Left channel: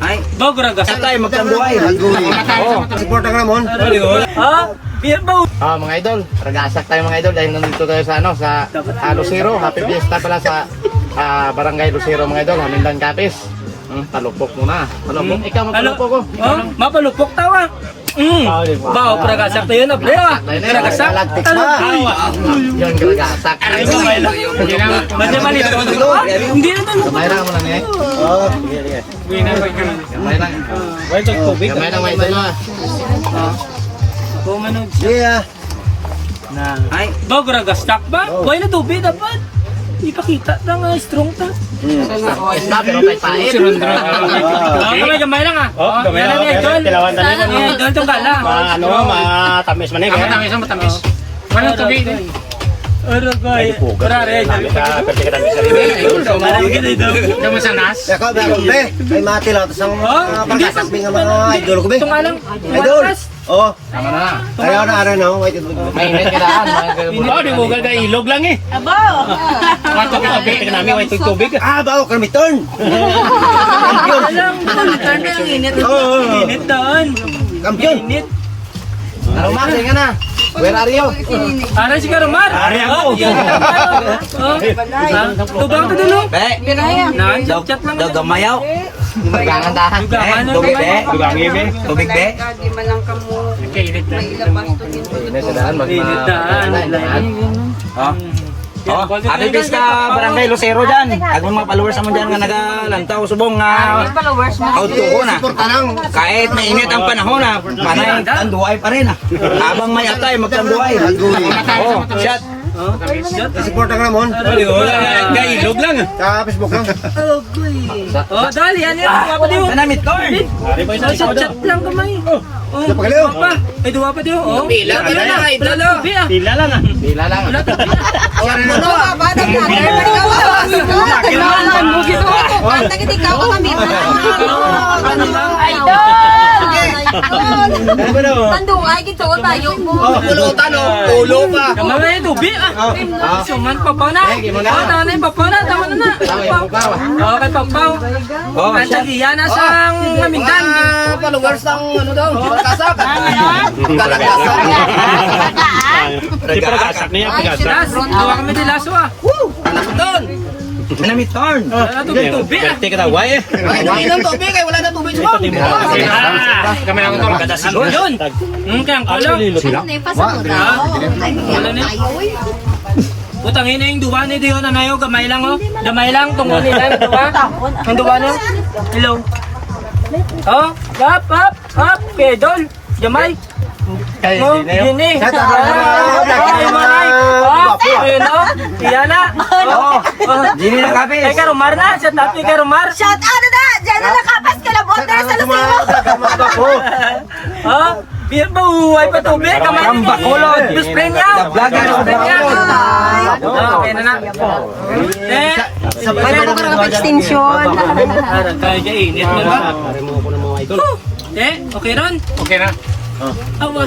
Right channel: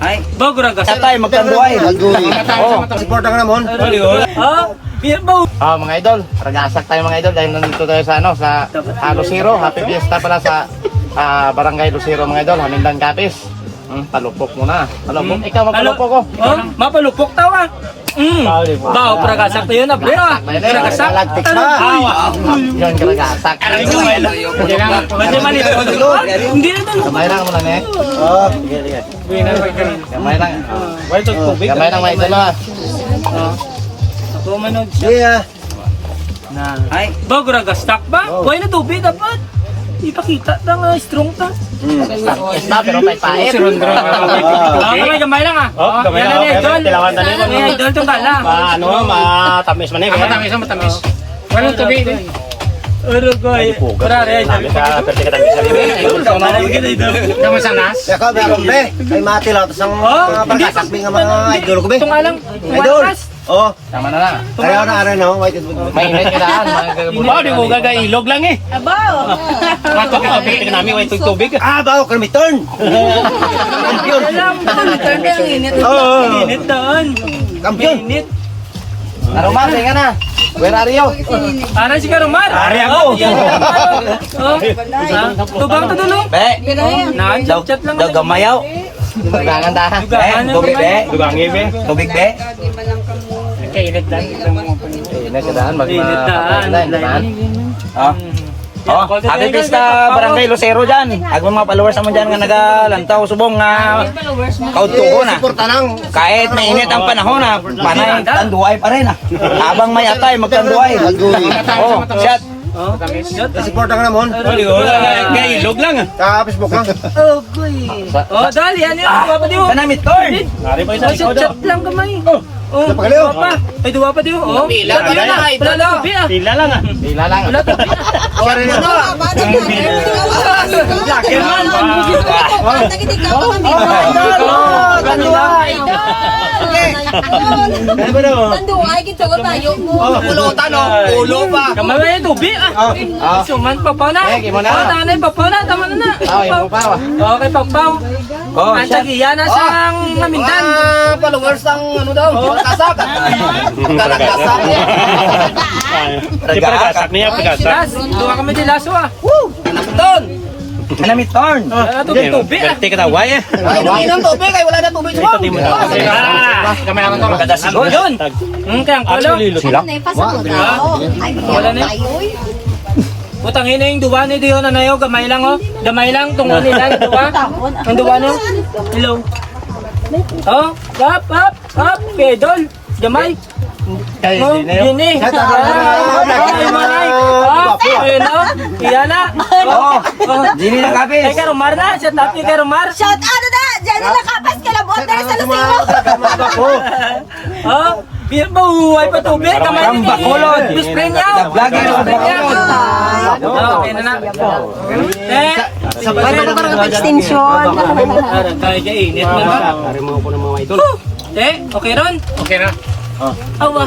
Ay, bagura ka. Katay, magkanduay. Suporta ka naman. Ha? Beer ba? Mga idol, ragasak tayo mga idol dahil nandito tayo sa Lucero. Happy Fiesta pala sa Barangay Lucero mga idol. Hanindan Kapis. Palupok muna. Palupok. Ikaw mapalupok ko. Mapalupok tawa. Bao, karagasak tayo na, pre. Karagasak. Yan, karagasak. Medyo malito. Hindi naman. Gamay lang mo lang eh. Gamay lang. Gamay lang may dalawa. Kumanog Yeah. na. Ay, bagura ka. Stock ba? Buhay na tubig dapat. Ipakita ta nga, strong ta. Pero may pait. Gamay lang ah. Yan na niya, John. Idol itong kala. Matamis man eh. Matamis. Walang tubig din. Ano ko ay, parare ay Kamu sanas? Ikaw, be. Ay mati lang. Tapos ang hindi pagkasakbi nga mga idol ko, be. Itong alang, Idol. wakas. Oo. Tama na. Ano na, white and good. May init ka na. Di mo gaga ilog lang eh. Abaw! Tubig. Bawo, kami turn. Alam, return na yung init. Init doon. Kampiyon. Init. Narumah, ka na. Where are you? Aray si Karumar. Aray ako. Tubang to dulo. Be. Naan, chat lang. Gamayaw. Dugangan tahan. Tubig be. Dugangi be. Tubig be. Di man lang kamo. Kainit lang. Init daan. Happy Fiesta Barangay Lucero dyan. Agong mga followers naman dyan nga nagalantaw subong nga Followers mo. kautuko na. Suporta lang. Kahit mainit ang panahon na, manay tanduay pa rin. Habang may atay, magtanduay. Shot. Suporta ka naman. Ilog lang. Facebook lang. Oh, goy. Oh, dali, yan yun. Duwa pa diyo. Kanamit torn. Chat lang kamay. Oh, duwa pa. Ay, duwa pa diyo. Oh, pila na. Wala lang. Tila lang ah. Tila lang. Wala pa. Tando, ay gito ko tayo mo. Pulutan o. Ulo pa. Kamay yung tubig ah. Suman, papaw na. Tama na yung papaw na. Tama na na. Okay, papaw. Ang tagiya na siyang mamindan. Followers ng ano daw. Kasak. Ragasak niya. Las, duwa kami di laso ah. Anak doon. Kanamit torn. Tubig ah. Tika na why eh. Ay, ng tubig ay wala na tubig sa kami naman ko magkadasin. Yun. Kaya ang kulo. Sila? Wala na. Utangin na yung duwa ni Dio na nayo. Gamay lang oh. Gamay lang. Tungo nila yung duwa. Ang duwa niyo. Hello. Oh, hap, hap, hap. Pedol. Gamay. Oh, gini. Iyan na. Gini na kapis. Kay Karumar na. Siya tato kay Karumar. Shout out na! Diyan na nakapas ka labot na sa Lucero. Ha? Biyan ba uhay pa tubig? Kamay ang bakulod. Just play niya. Okay na na. Ano ka parang extinction? Ay, kainit na ba? Okay ron? Okay na. Awa.